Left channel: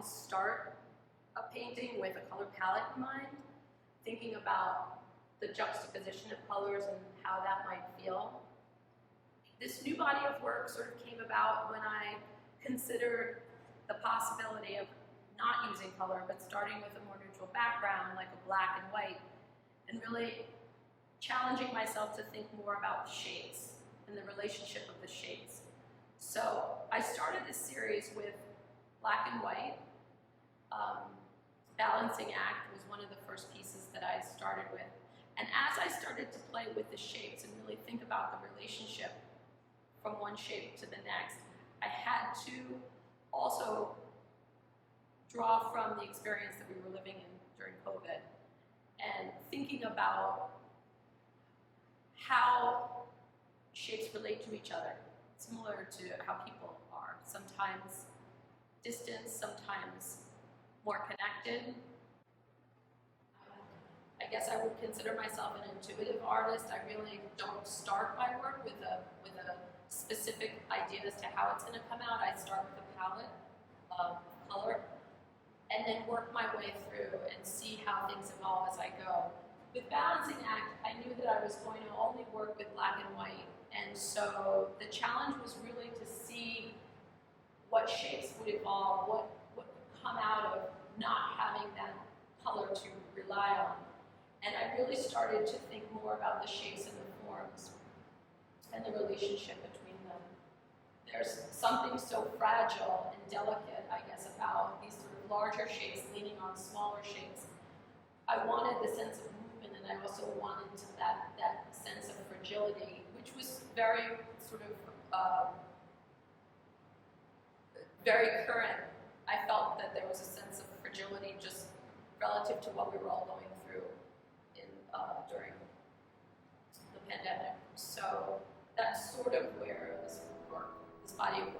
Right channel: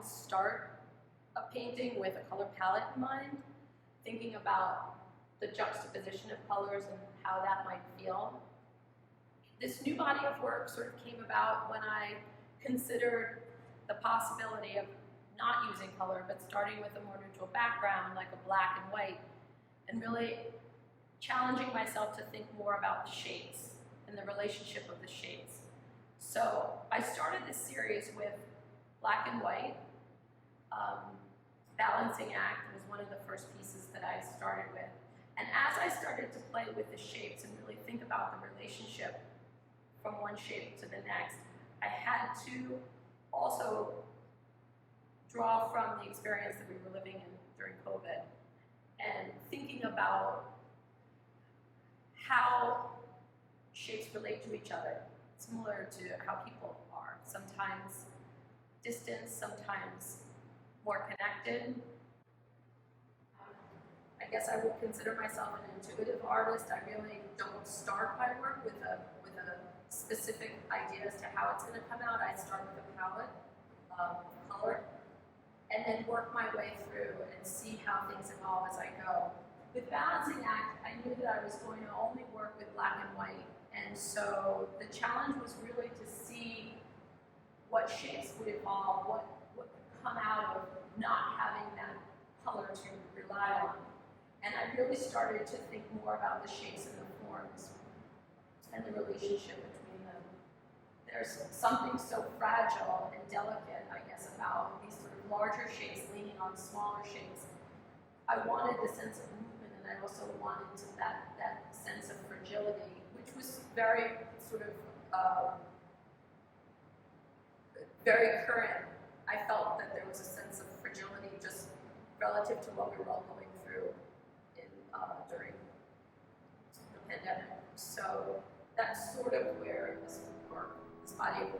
often start a painting with a color palette in mind, thinking about the juxtaposition of colors and how that might feel. This new body of work sort of came about when I considered the possibility of not using color, but starting with a more neutral background, like a black and white, and really challenging myself to think more about the shades and the relationship of the shades. So I started this series with black and white. Balancing act was one of the first pieces that I started with. And as I started to play with the shapes and really think about the relationship from one shape to the next, I had to also draw from the experience that we were living in during COVID and thinking about how shapes relate to each other, similar to how people are. Sometimes distant, sometimes more connected. I guess I would consider myself an intuitive artist. I really don't start my work with a specific idea as to how it's going to come out. I start with a palette of color and then work my way through and see how things evolve as I go. With Balancing Act, I knew that I was going to only work with black and white, and so the challenge was really to see what shapes would evolve, what would come out of not having that color to rely on. And I really started to think more about the shapes and the forms and the relationship between them. There's something so fragile and delicate, I guess, about these sort of larger shapes leaning on smaller shapes. I wanted the sense of movement, and I also wanted that sense of fragility, which was very sort of very current. I felt that there was a sense of fragility just relative to what we were all going through during the pandemic. So that's sort of where this body of